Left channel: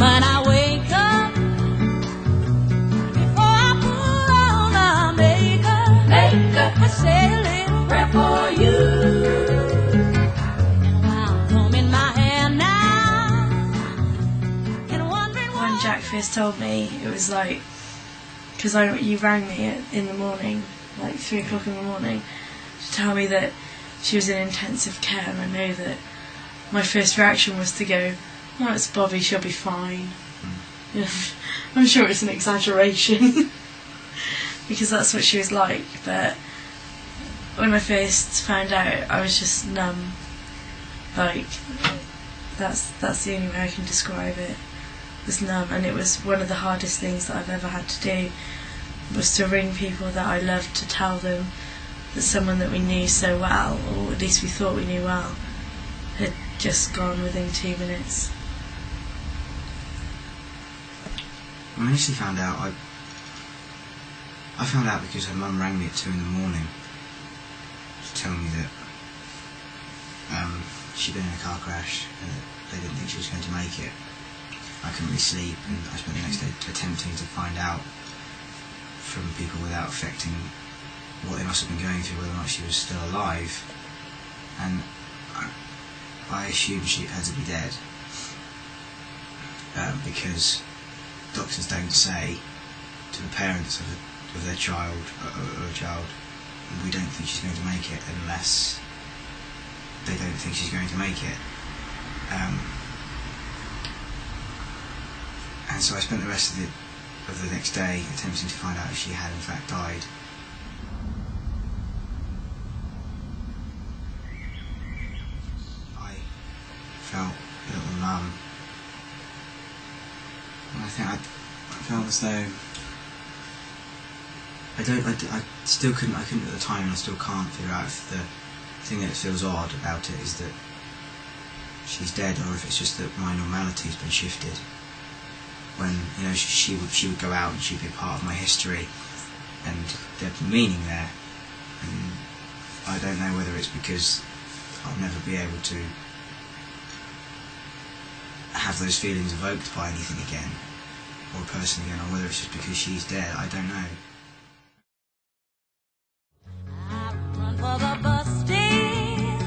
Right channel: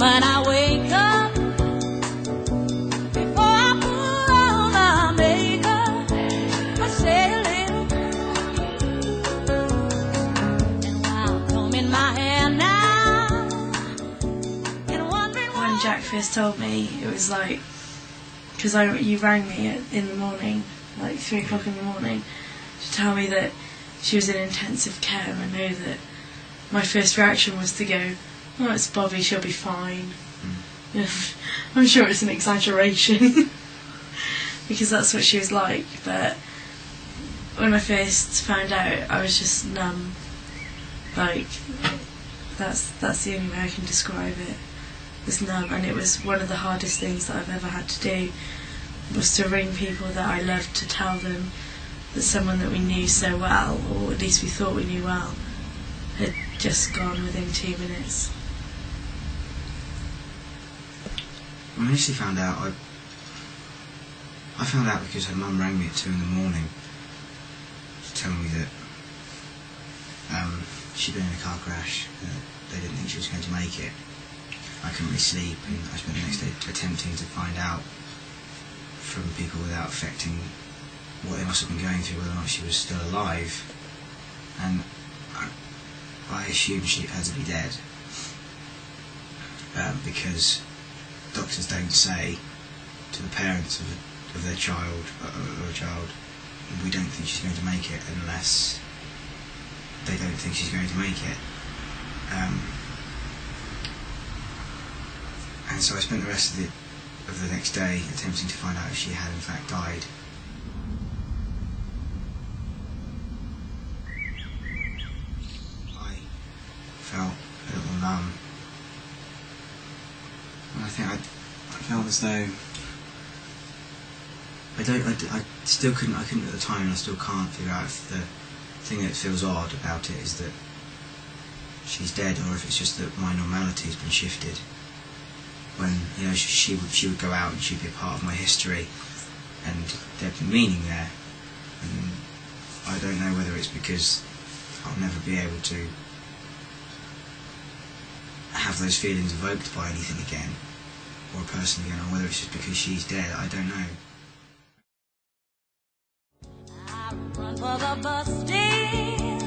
moment I wake up, before I put on my makeup, I say a little prayer for you. And while I'm combing my hair now, and wondering when Jack first told me, it was like, because you rang me in the morning, like 3 o'clock in the morning, to tell me that she was in intensive care, and I know that my first reaction was to go, oh, it's Bobby, she'll be fine. You know, I'm sure it's an exaggeration, because that's what she was like, but when I first found out, I was just numb. Like, that's the only way I can describe it, was numb, and it was one of the hardest things that I've ever had to do, was to ring people that I loved to tell them that someone that we knew so well, or at least we thought we knew well, had just gone within 2 minutes. When I initially found out, I found out because her mum rang me at 2 in the morning to tell me that she'd been in a car crash and they didn't think she was going to make it. I couldn't really sleep, and I spent the next day attempting to find out from people without affecting what they must have been going through, whether or not she was still alive. And I assumed she had to be dead, because doctors don't say to the parents of their child, or a child, we don't think she's going to make it, unless they don't think she's going to make it. And so I spent the rest of the next day attempting to find out if she had in fact died. I felt a little numb, and I think I felt as though I couldn't at the time, and I still can't figure out if the thing that feels odd about it is that she's dead, or if it's just that my normality has been shifted. When, you know, she would go out and she'd be a part of my history, and there'd be meaning there. And I don't know whether it's because I'll never be able to have those feelings evoked by anything again, or a person again, or whether it's just because she's dead. I don't know. I run for the bus stand,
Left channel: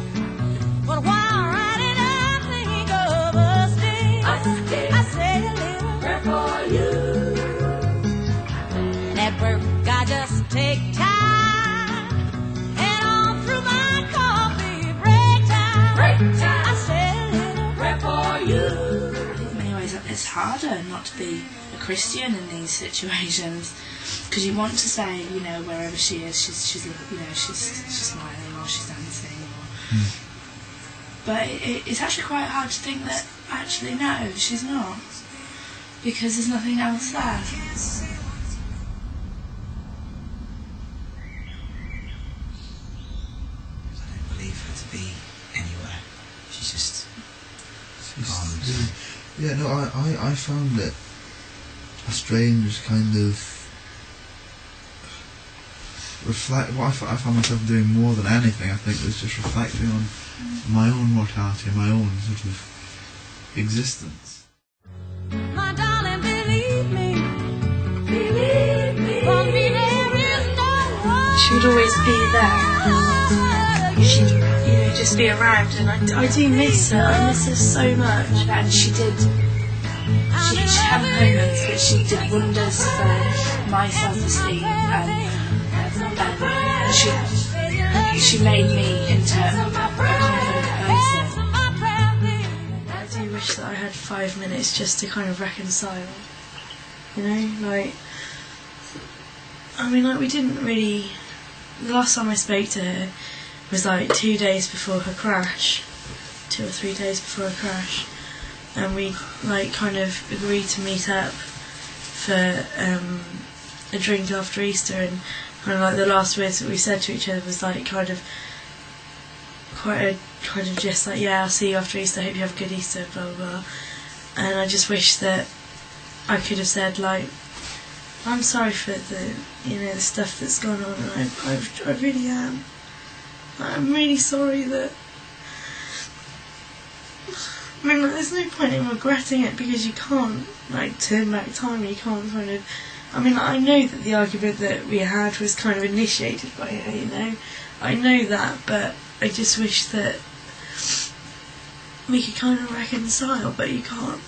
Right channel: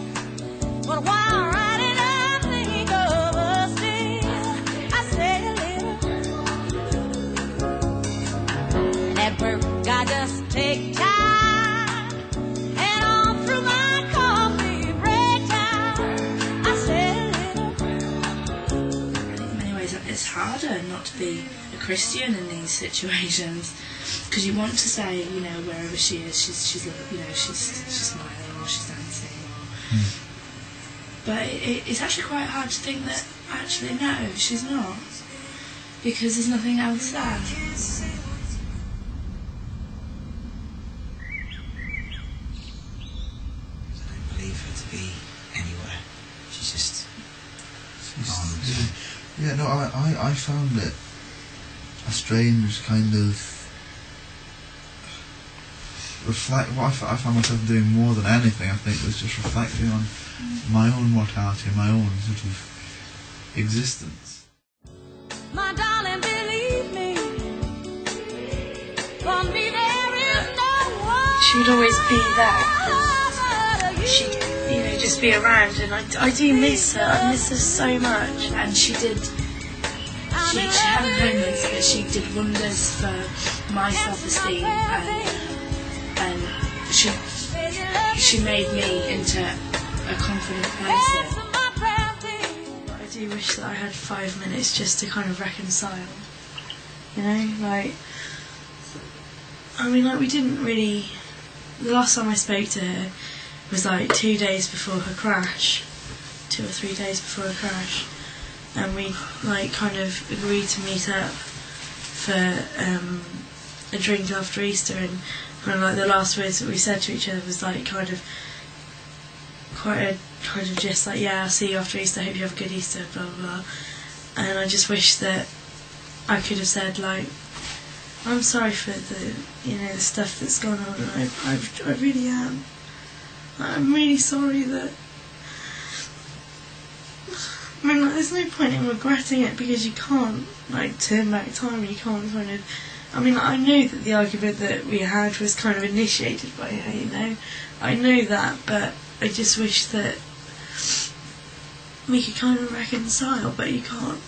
but while riding I think of us dear. I say a little prayer for you. And at work I just take time, and all through my coffee break time, I say a little prayer for you. I think in many ways it's harder not to be a Christian in these situations, because you want to say, you know, wherever she is, she's you know, she's smiling, or she's dancing, or but it's actually quite hard to think that actually no, she's not, because there's nothing else there. I don't believe her to be anywhere. She's just gone. Yeah, no, I found it a strange kind of what I found myself doing more than anything, I think, was just reflecting on my own mortality, my own sort of existence. My darling, believe me, for me there is no one. She'll always be there, and she, you know, just be around, and I do miss her. I miss her so much, and she had moments that she did wonders for my self-esteem, and she made me into a confident person. I do wish that I had 5 minutes just to kind of reconcile, you know, like, I mean, like, we didn't really, the last time I spoke to her was like 2 days before her crash, 2 or 3 days before her crash, and we like kind of agreed to meet up for a drink after Easter, and kind of like the last words that we said to each other was like kind of just like, yeah, I'll see you after Easter, hope you have a good Easter, blah blah blah. And I just wish that I could have said, like, I'm sorry for the, you know, the stuff that's gone on, and I really am. I'm really sorry that I mean, like, there's no point in regretting it because you can't, like, turn back time. You can't kind of. I mean, I know that the argument that we had was kind of initiated by her, you know. I know that, but I just wish that we could kind of reconcile, but you can't.